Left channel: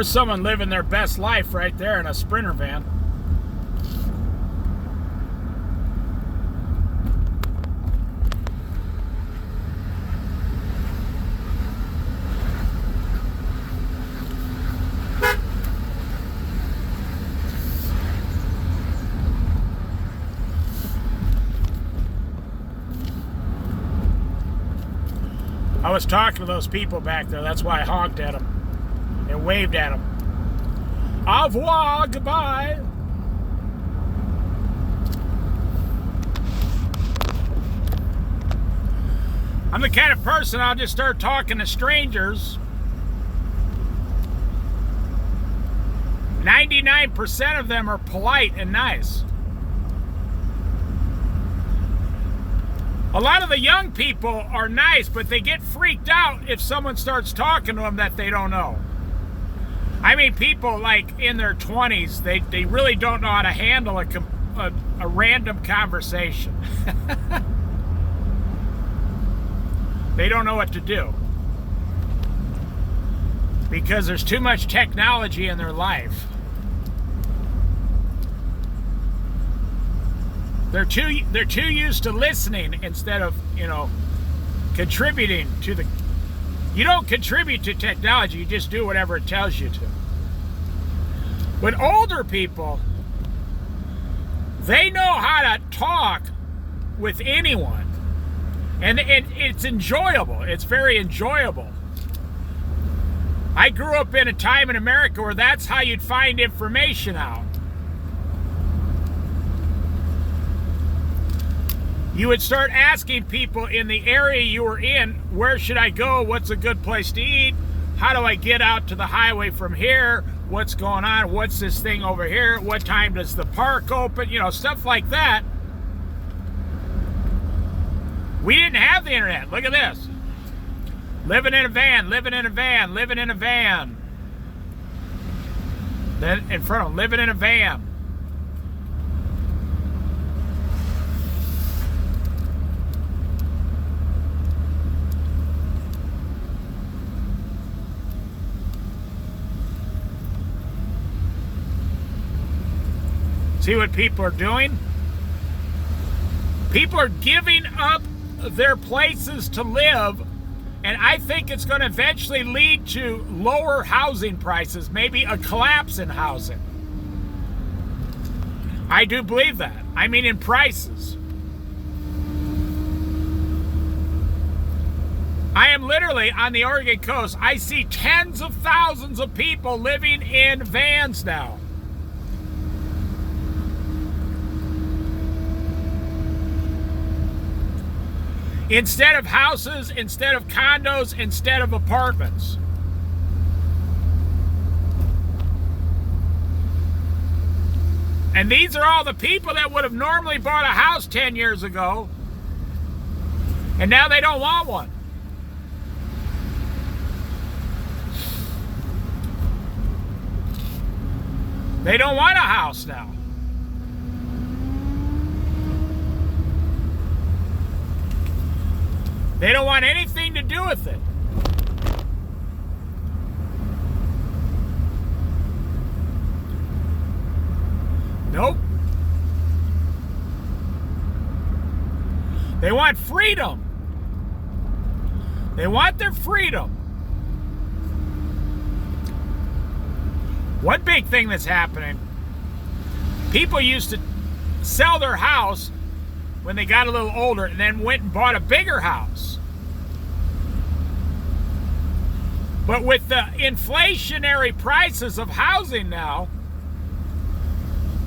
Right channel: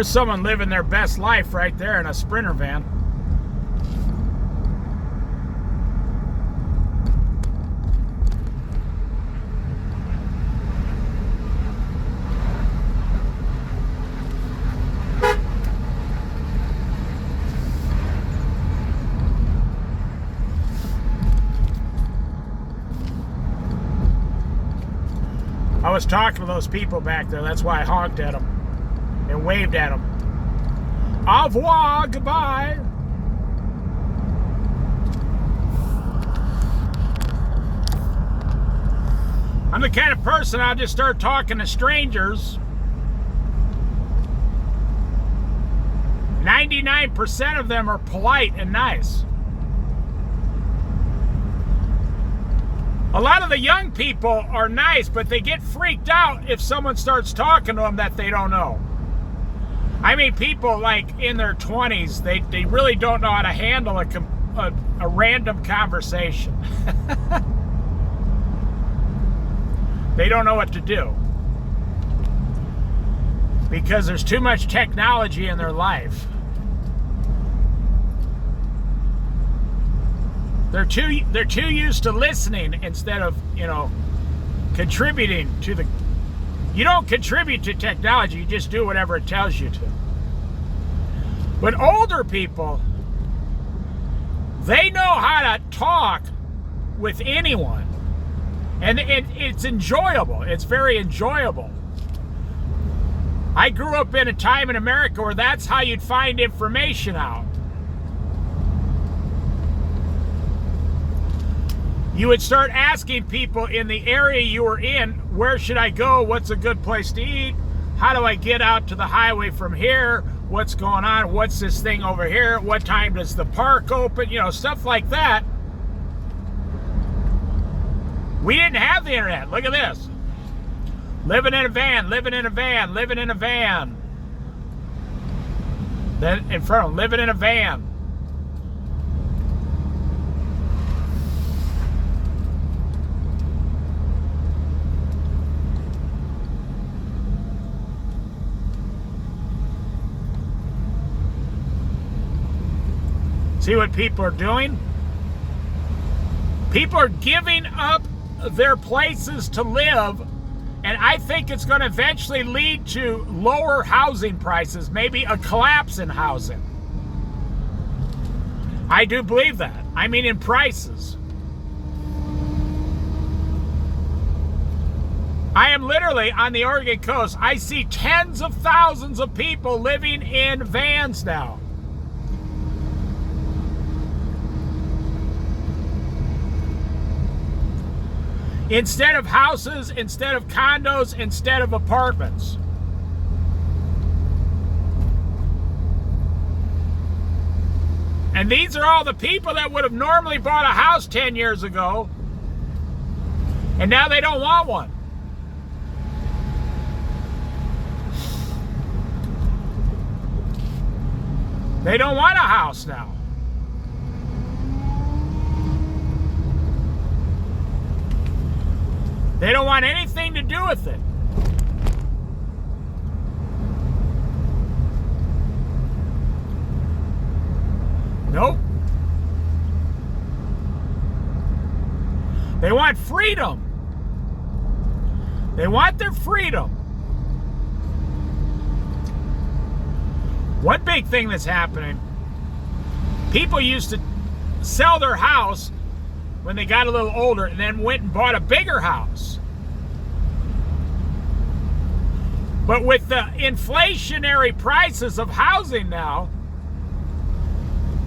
There's someone living their best life right there in a Sprinter van. I was talking to those people back there. That's why I honked at them and waved at them. Au revoir, goodbye. I'm the kind of person I'll just start talking to strangers. 99% of them are polite and nice. A lot of the young people are nice, but they get freaked out if someone starts talking to them that they don't know. I mean, people like in their 20s, they really don't know how to handle a random conversation. They don't know what to do because there's too much technology in their life. They're too used to listening instead of, contributing to the... You don't contribute to technology, you just do whatever it tells you to. But older people, they know how to talk with anyone. And it's enjoyable. It's very enjoyable. I grew up in a time in America where that's how you'd find information out. You would start asking people in the area you were in, where should I go? What's a good place to eat? How do I get out to the highway from here? What's going on? What's this thing over here? What time does the park open? Stuff like that. We didn't have the internet. Look at this. Living in a van, living in a van, living in a van. Then in front of them, living in a van. See what people are doing? People are giving up their places to live, and I think it's going to eventually lead to lower housing prices, maybe a collapse in housing. I do believe that. I mean, in prices. I am literally on the Oregon coast. I see tens of thousands of people living in vans now. Instead of houses, instead of condos, instead of apartments. And these are all the people that would have normally bought a house 10 years ago, and now they don't want one. They don't want a house now. They don't want anything to do with it. Nope. They want freedom. They want their freedom. One big thing that's happening, people used to sell their house when they got a little older and then went and bought a bigger house. But with the inflationary prices of housing now,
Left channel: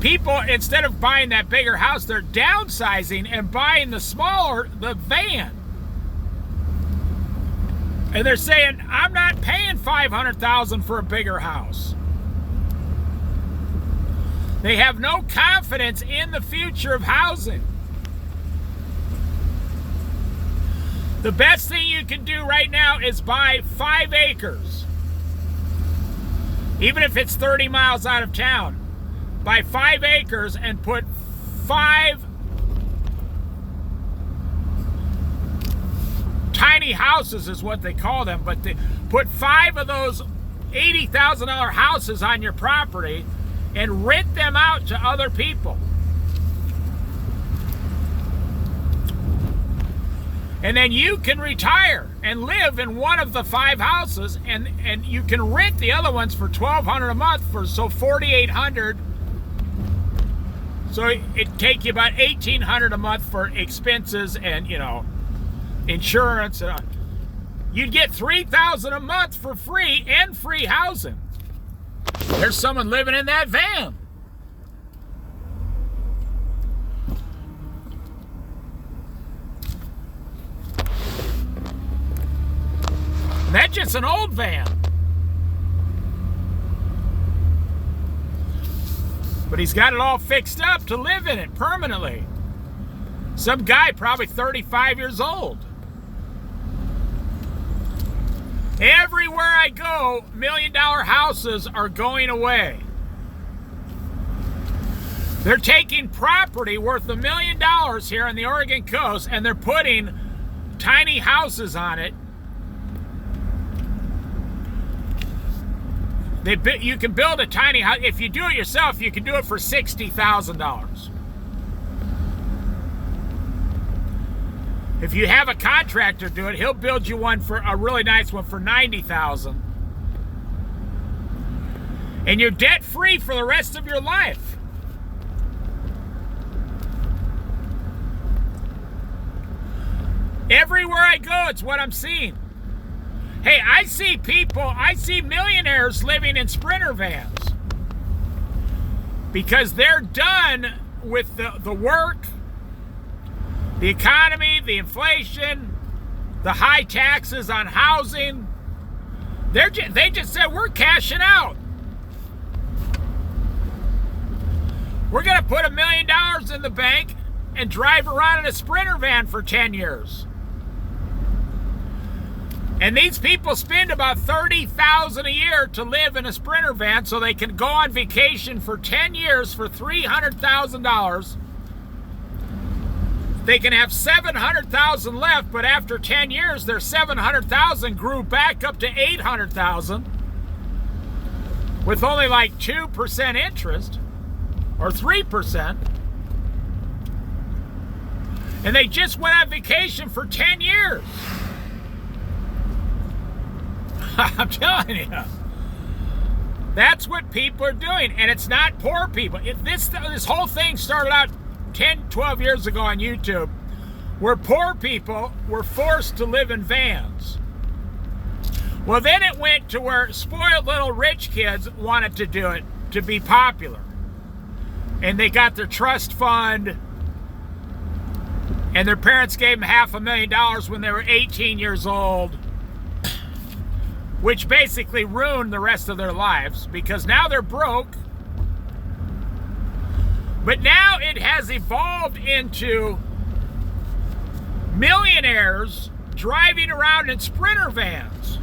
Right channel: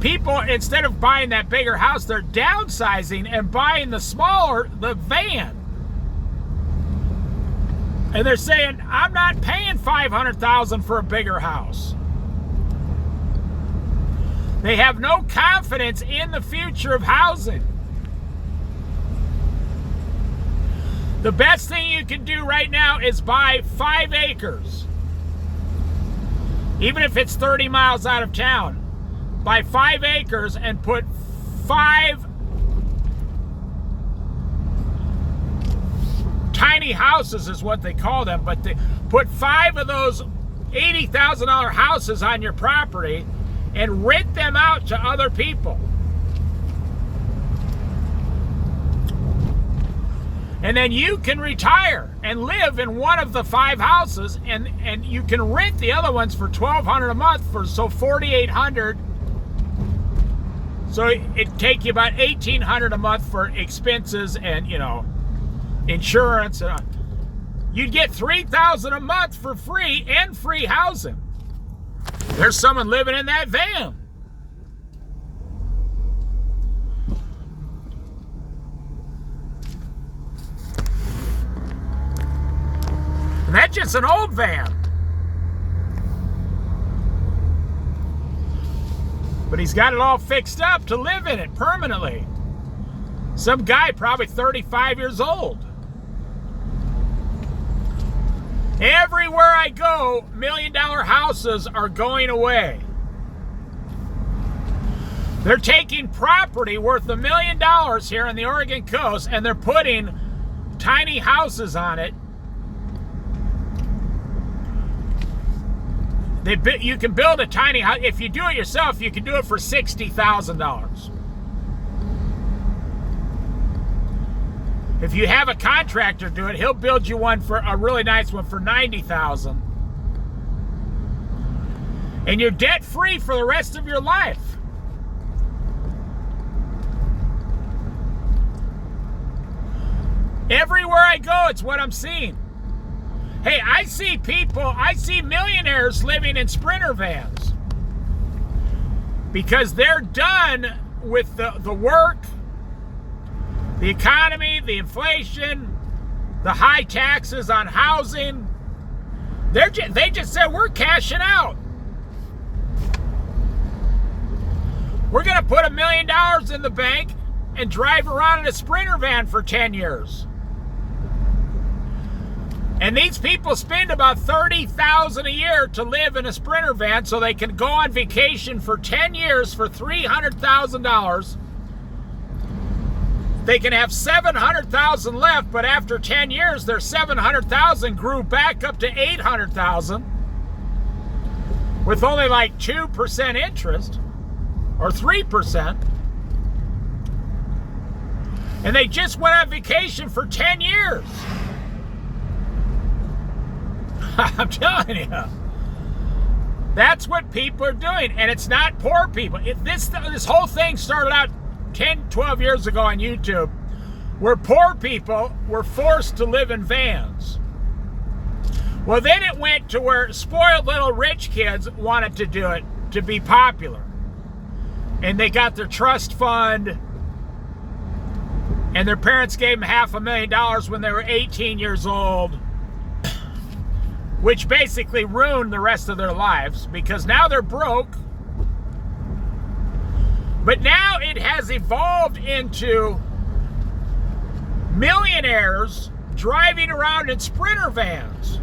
people, instead of buying that bigger house, they're downsizing and buying the van. And they're saying, I'm not paying $500,000 for a bigger house. They have no confidence in the future of housing. The best thing you can do right now is buy 5 acres. Even if it's 30 miles out of town. Buy 5 acres and put 5 tiny houses is what they call them, but they put 5 of those $80,000 houses on your property and rent them out to other people. And then you can retire and live in one of the 5 houses, and you can rent the other ones for $1,200 a month for $4,800. So it'd take you about $1,800 a month for expenses and, you know, insurance and you'd get $3,000 a month for free and free housing. There's someone living in that van. And that's just an old van. But he's got it all fixed up to live in it permanently. Some guy probably 35 years old. Everywhere I go, $1 million houses are going away. They're taking property worth $1 million here in the Oregon coast and they're putting tiny houses on it. You can build a tiny house. If you do it yourself, you can do it for $60,000. If you have a contractor do it, he'll build you one for a really nice one for $90,000. And you're debt free for the rest of your life. Everywhere I go, it's what I'm seeing. Hey, I see millionaires living in Sprinter vans because they're done with the work, the economy, the inflation, the high taxes on housing. They just said, we're cashing out. We're going to put $1 million in the bank and drive around in a Sprinter van for 10 years. And these people spend about $30,000 a year to live in a Sprinter van so they can go on vacation for 10 years for $300,000. They can have $700,000 left, but after 10 years, their $700,000 grew back up to $800,000 with only like 2% interest or 3%. And they just went on vacation for 10 years. I'm telling you, that's what people are doing, and it's not poor people. This whole thing started out 10, 12 years ago on YouTube, where poor people were forced to live in vans. Well, then it went to where spoiled little rich kids wanted to do it to be popular, and they got their trust fund, and their parents gave them $500,000 when they were 18 years old. Which basically ruined the rest of their lives because now they're broke. But now it has evolved into millionaires driving around in Sprinter vans.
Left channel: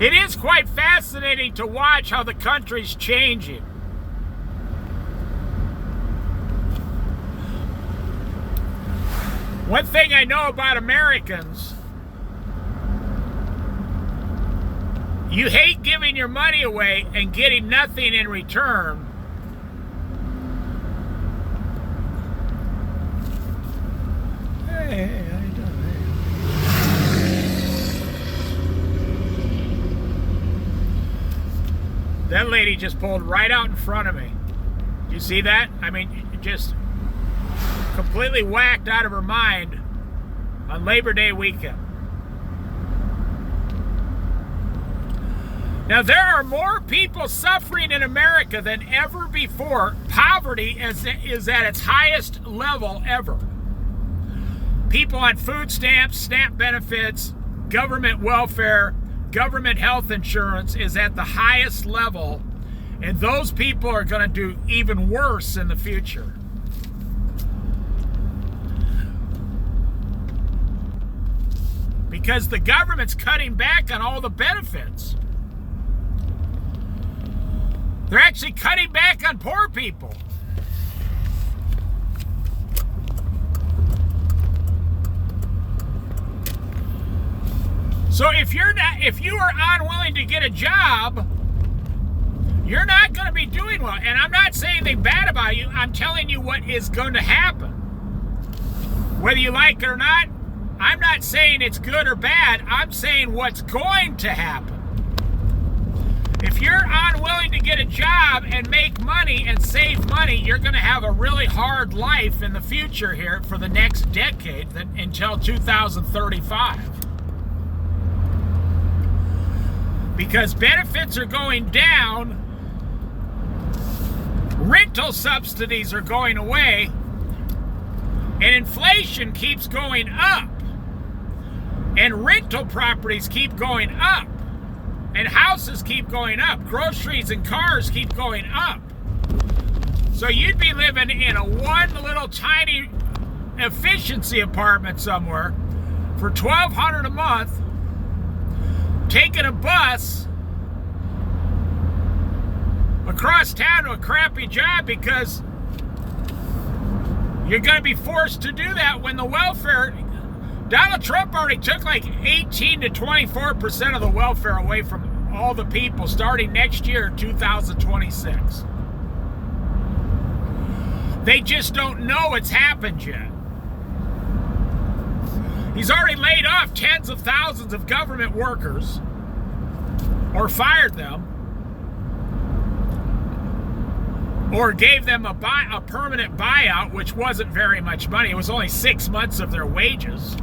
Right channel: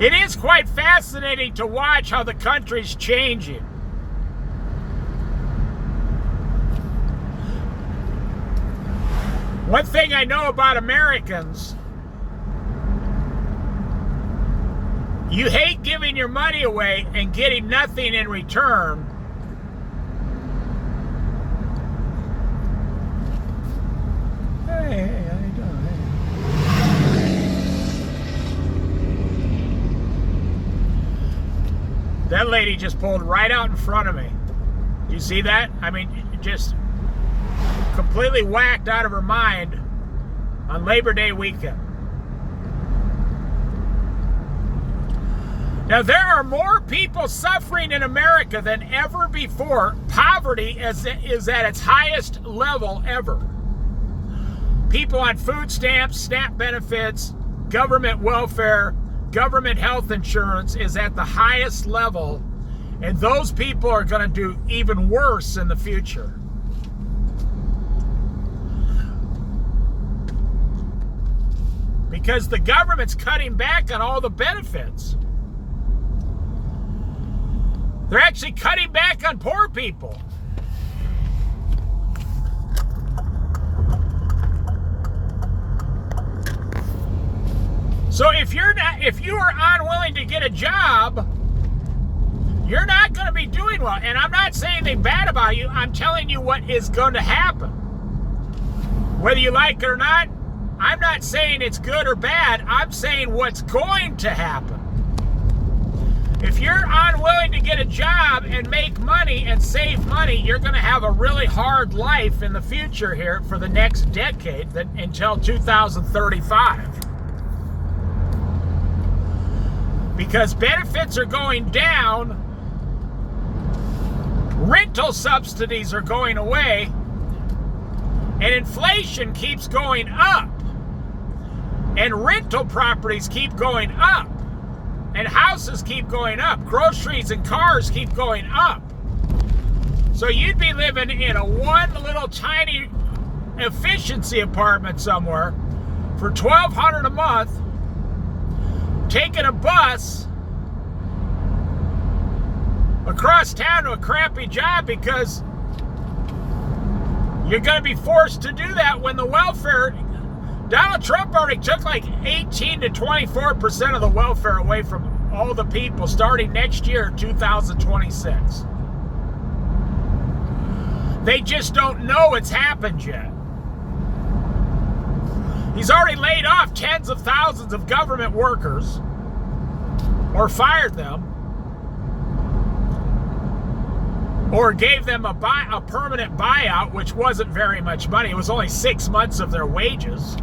It is quite fascinating to watch how the country's changing. One thing I know about Americans, you hate giving your money away and getting nothing in return. Hey, how you doing? That lady just pulled right out in front of me. You see that? I mean, just completely whacked out of her mind on Labor Day weekend. Now, there are more people suffering in America than ever before. Poverty is at its highest level ever. People on food stamps, SNAP benefits, government welfare, government health insurance is at the highest level, and those people are going to do even worse in the future. because the government's cutting back on all the benefits. They're actually cutting back on poor people. So if you are unwilling to get a job, you're not going to be doing well. And I'm not saying anything bad about you. I'm telling you what is going to happen. Whether you like it or not, I'm not saying it's good or bad. I'm saying what's going to happen. If you're unwilling to get a job and make money and save money, you're going to have a really hard life in the future here for the next decade, until 2035. Because benefits are going down, rental subsidies are going away, and inflation keeps going up, and rental properties keep going up, and houses keep going up, groceries and cars keep going up. So you'd be living in a one little tiny efficiency apartment somewhere for $1,200 a month, taking a bus across town to a crappy job because you're going to be forced to do that when the welfare... Donald Trump already took like 18 to 24% of the welfare away from all the people starting next year, 2026. They just don't know it's happened yet. He's already laid off tens of thousands of government workers or fired them or gave them a permanent buyout, which wasn't very much money. It was only 6 months of their wages.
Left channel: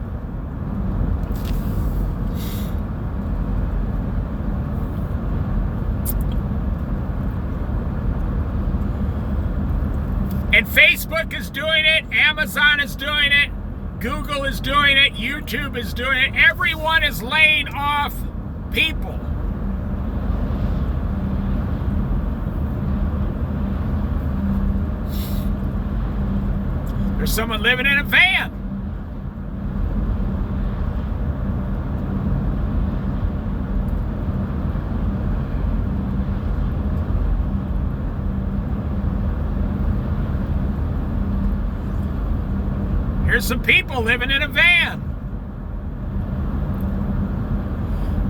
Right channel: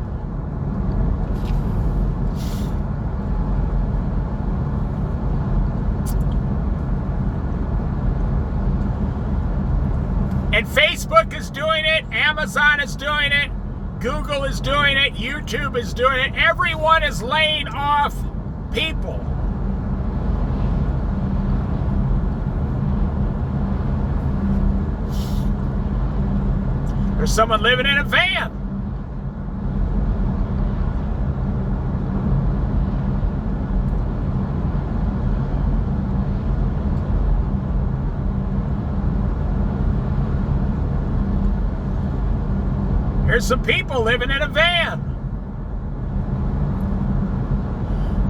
And Facebook is doing it, Amazon is doing it, Google is doing it, YouTube is doing it. Everyone is laying off people. There's someone living in a van. There's some people living in a van.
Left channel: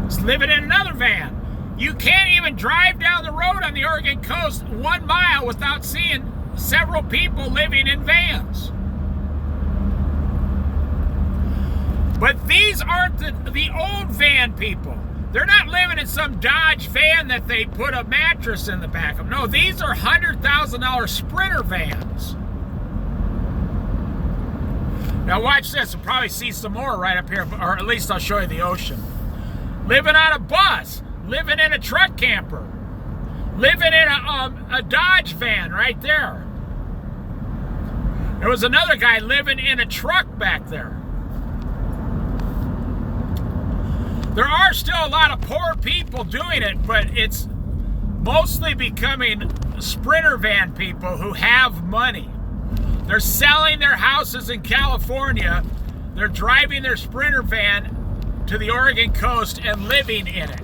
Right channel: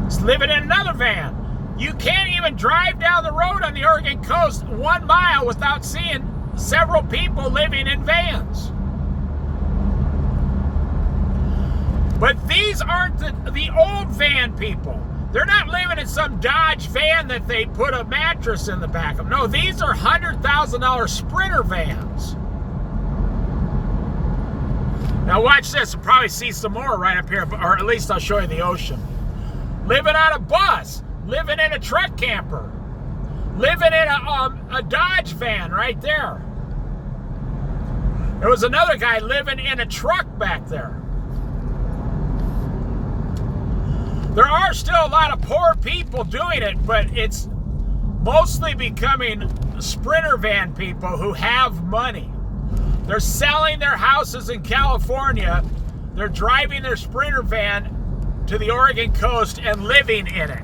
It's living in another van. You can't even drive down the road on the Oregon coast 1 mile without seeing several people living in vans. But these aren't the old van people. They're not living in some Dodge van that they put a mattress in the back of. No, these are $100,000 Sprinter vans. Now watch this, you'll probably see some more right up here, or at least I'll show you the ocean. Living on a bus, living in a truck camper, living in a Dodge van right there. There was another guy living in a truck back there. There are still a lot of poor people doing it, but it's mostly becoming Sprinter van people who have money. They're selling their houses in California. They're driving their Sprinter van to the Oregon coast and living in it.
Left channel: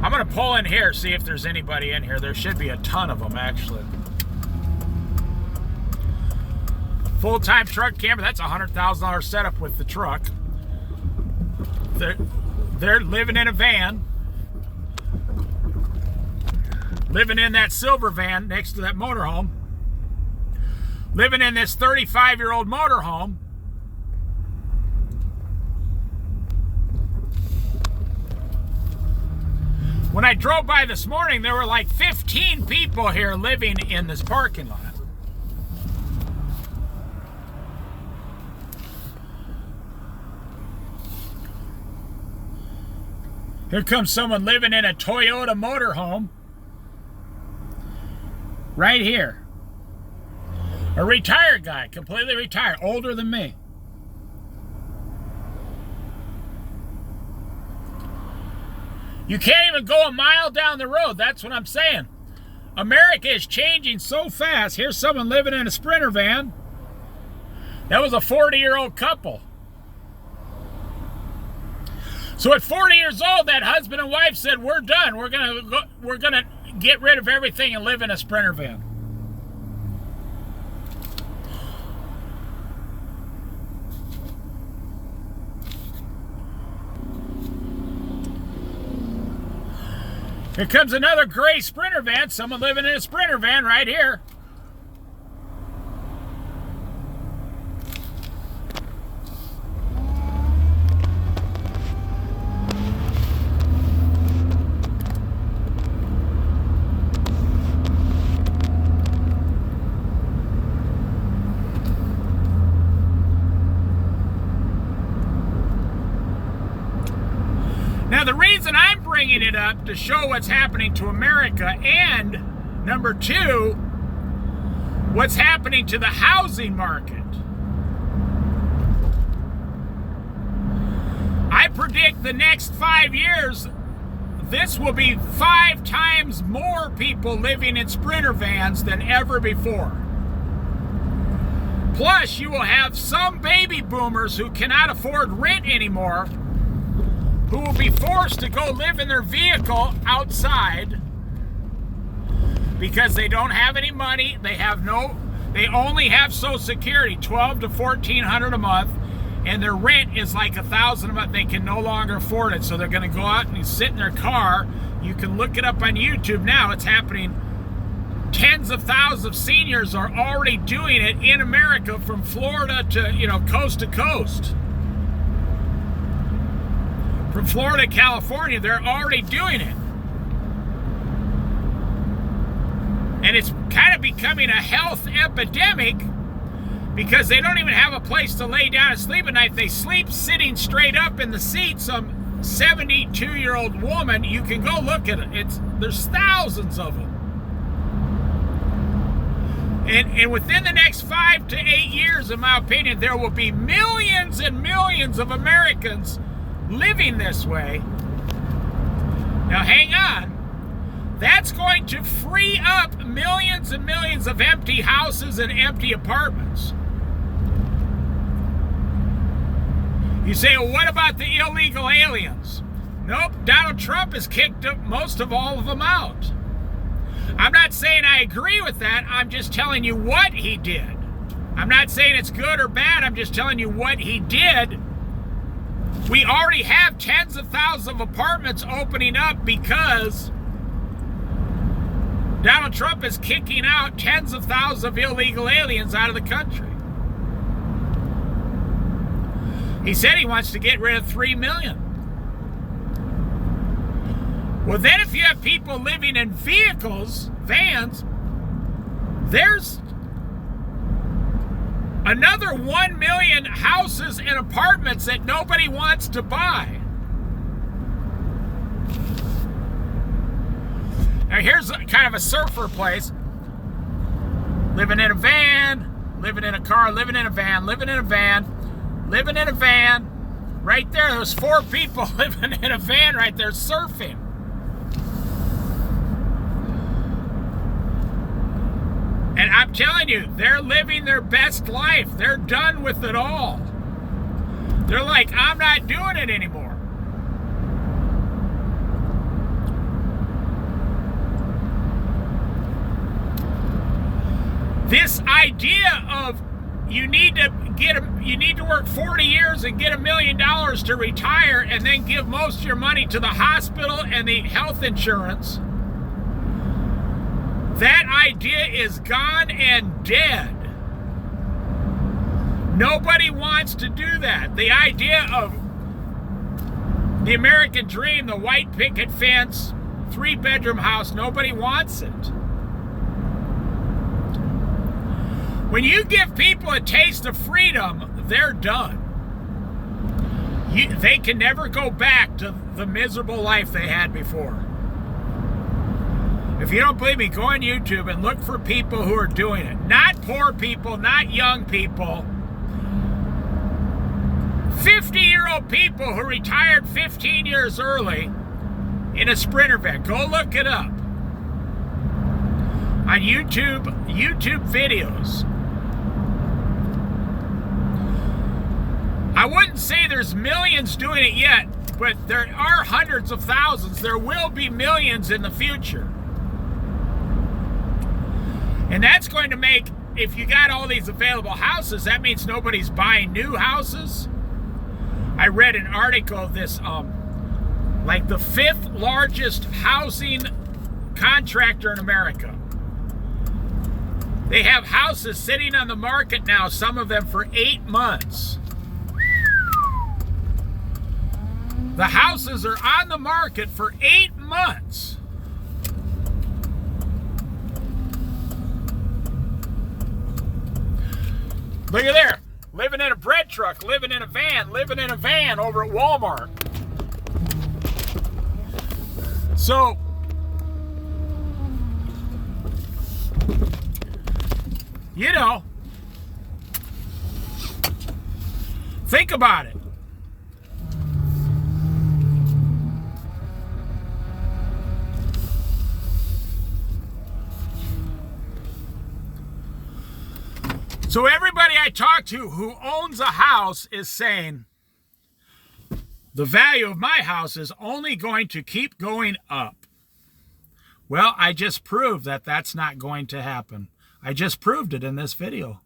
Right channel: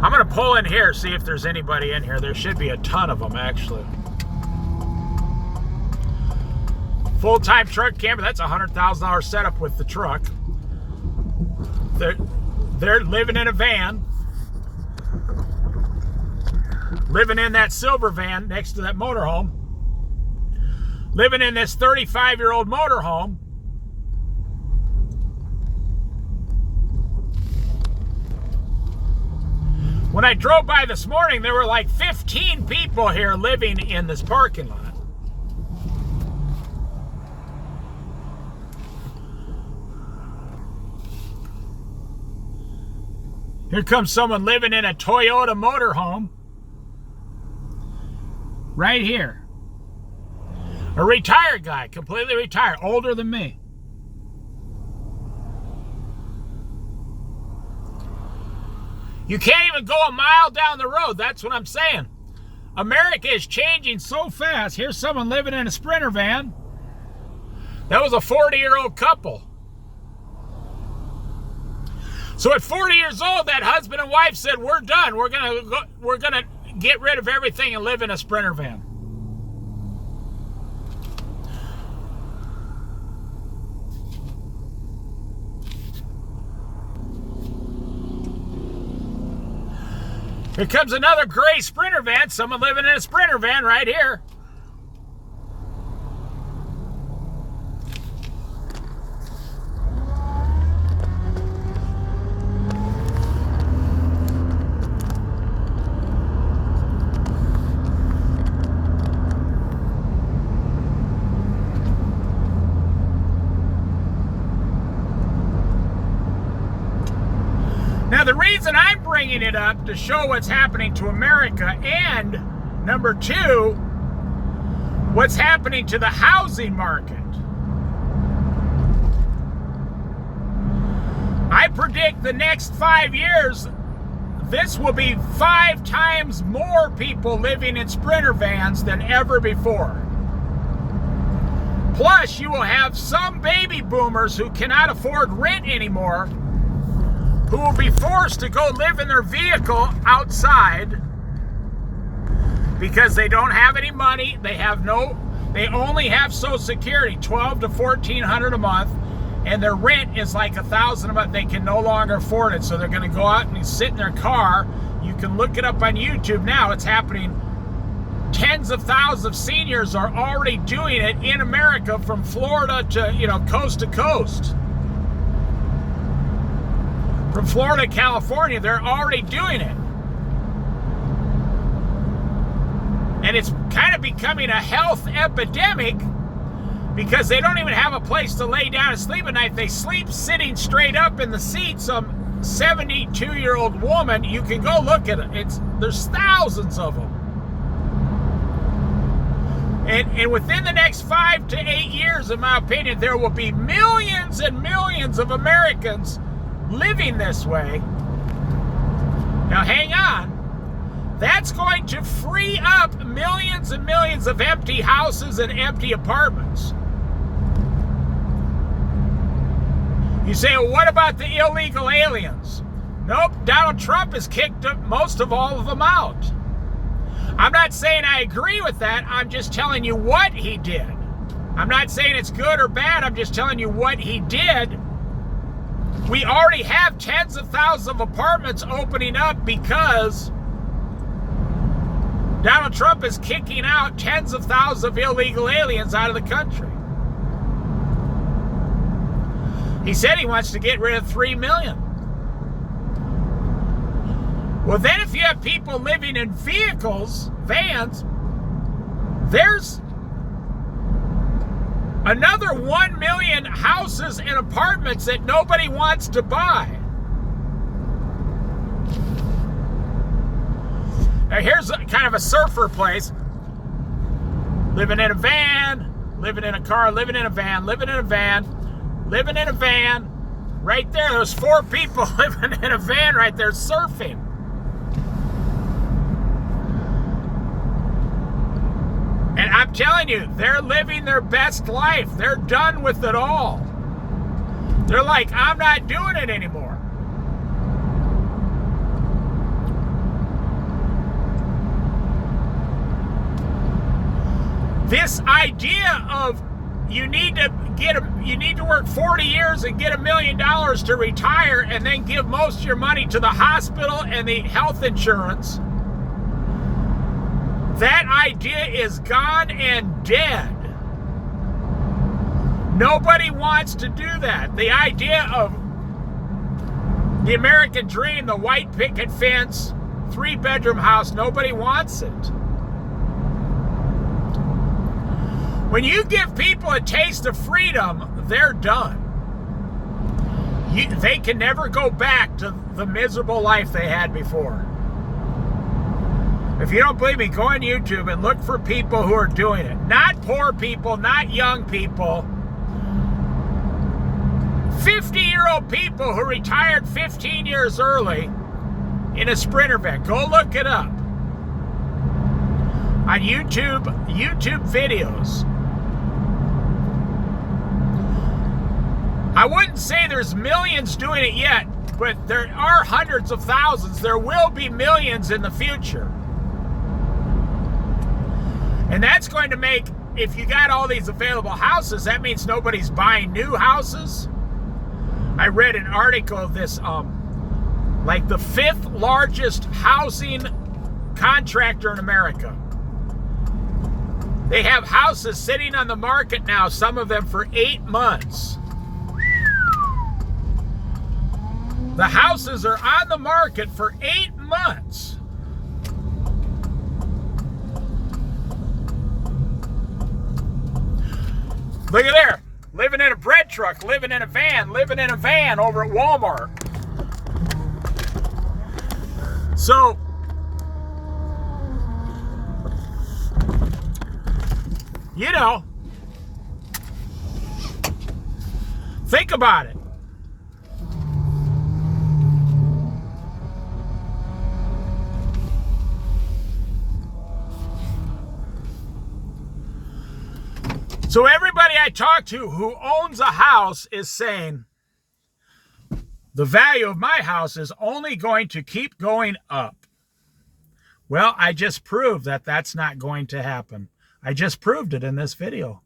I'm going to pull in here, see if there's anybody in here. There should be a ton of them, actually. Full-time truck camper, that's a $100,000 setup with the truck. They're living in a van, living in that silver van next to that motorhome, living in this 35-year-old motorhome. When I drove by this morning, there were like 15 people here living in this parking lot. Here comes someone living in a Toyota motorhome. Right here. A retired guy, completely retired, older than me. You can't even go a mile down the road, that's what I'm saying. America is changing so fast. Here's someone living in a Sprinter van. That was a 40-year-old couple. So at 40 years old, that husband and wife said, "We're done. We're gonna get rid of everything and live in a Sprinter van." Here comes another gray Sprinter van. Someone living in a Sprinter van right here. Now, the reason I'm bringing it up to show what's happening to America, and number two, what's happening to the housing market. I predict the next 5 years, this will be 5 times more people living in Sprinter vans than ever before. Plus, you will have some baby boomers who cannot afford rent anymore, who will be forced to go live in their vehicle outside because they don't have any money. They only have Social Security, $1,200 to $1,400 a month, and their rent is like $1,000 a month. They can no longer afford it, so they're going to go out and sit in their car. You can look it up on YouTube now. It's happening. Tens of thousands of seniors are already doing it in America, from Florida to coast to coast. From Florida to California, they're already doing it. And it's kind of becoming a health epidemic because they don't even have a place to lay down and sleep at night. They sleep sitting straight up in the seat. Some 72-year-old woman, you can go look at it. There's thousands of them. And within the next 5 to 8 years, in my opinion, there will be millions and millions of Americans living this way. Now hang on. That's going to free up millions and millions of empty houses and empty apartments. You say, well, what about the illegal aliens? Nope, Donald Trump has kicked most of all of them out. I'm not saying I agree with that. I'm just telling you what he did. I'm not saying it's good or bad. I'm just telling you what he did. We already have tens of thousands of apartments opening up because Donald Trump is kicking out tens of thousands of illegal aliens out of the country. He said he wants to get rid of 3 million. Well, then if you have people living in vehicles, vans, there's another 1 million houses and apartments that nobody wants to buy. Now here's kind of a surfer place. Living in a van, living in a car, living in a van, living in a van, living in a van. Right there, there's 4 people living in a van right there surfing. And I'm telling you, they're living their best life. They're done with it all. They're like, I'm not doing it anymore. This idea of you need to work 40 years and get $1 million to retire and then give most of your money to the hospital and the health insurance. That idea is gone and dead. Nobody wants to do that. The idea of the American dream, the white picket fence, 3-bedroom house, nobody wants it. When you give people a taste of freedom, they're done. They can never go back to the miserable life they had before. If you don't believe me, go on YouTube and look for people who are doing it. Not poor people, not young people. 50-year-old people who retired 15 years early in a Sprinter van. Go look it up. on YouTube videos. I wouldn't say there's millions doing it yet, but there are hundreds of thousands. There will be millions in the future. And that's going to make, if you got all these available houses, that means nobody's buying new houses. I read an article of this, like the 5th largest housing contractor in America. They have houses sitting on the market now, some of them for 8 months. The houses are on the market for 8 months. Look at there. Living in a bread truck, living in a van over at Walmart. So, you know, think about it. So everybody I talk to who owns a house is saying the value of my house is only going to keep going up. Well, I just proved that that's not going to happen. I just proved it in this video.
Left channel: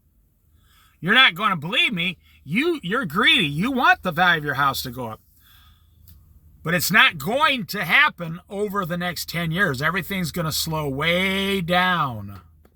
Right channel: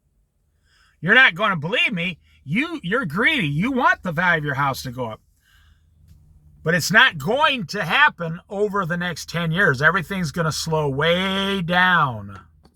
You're not going to believe me. You're greedy. You want the value of your house to go up. But it's not going to happen over the next 10 years. Everything's going to slow way down.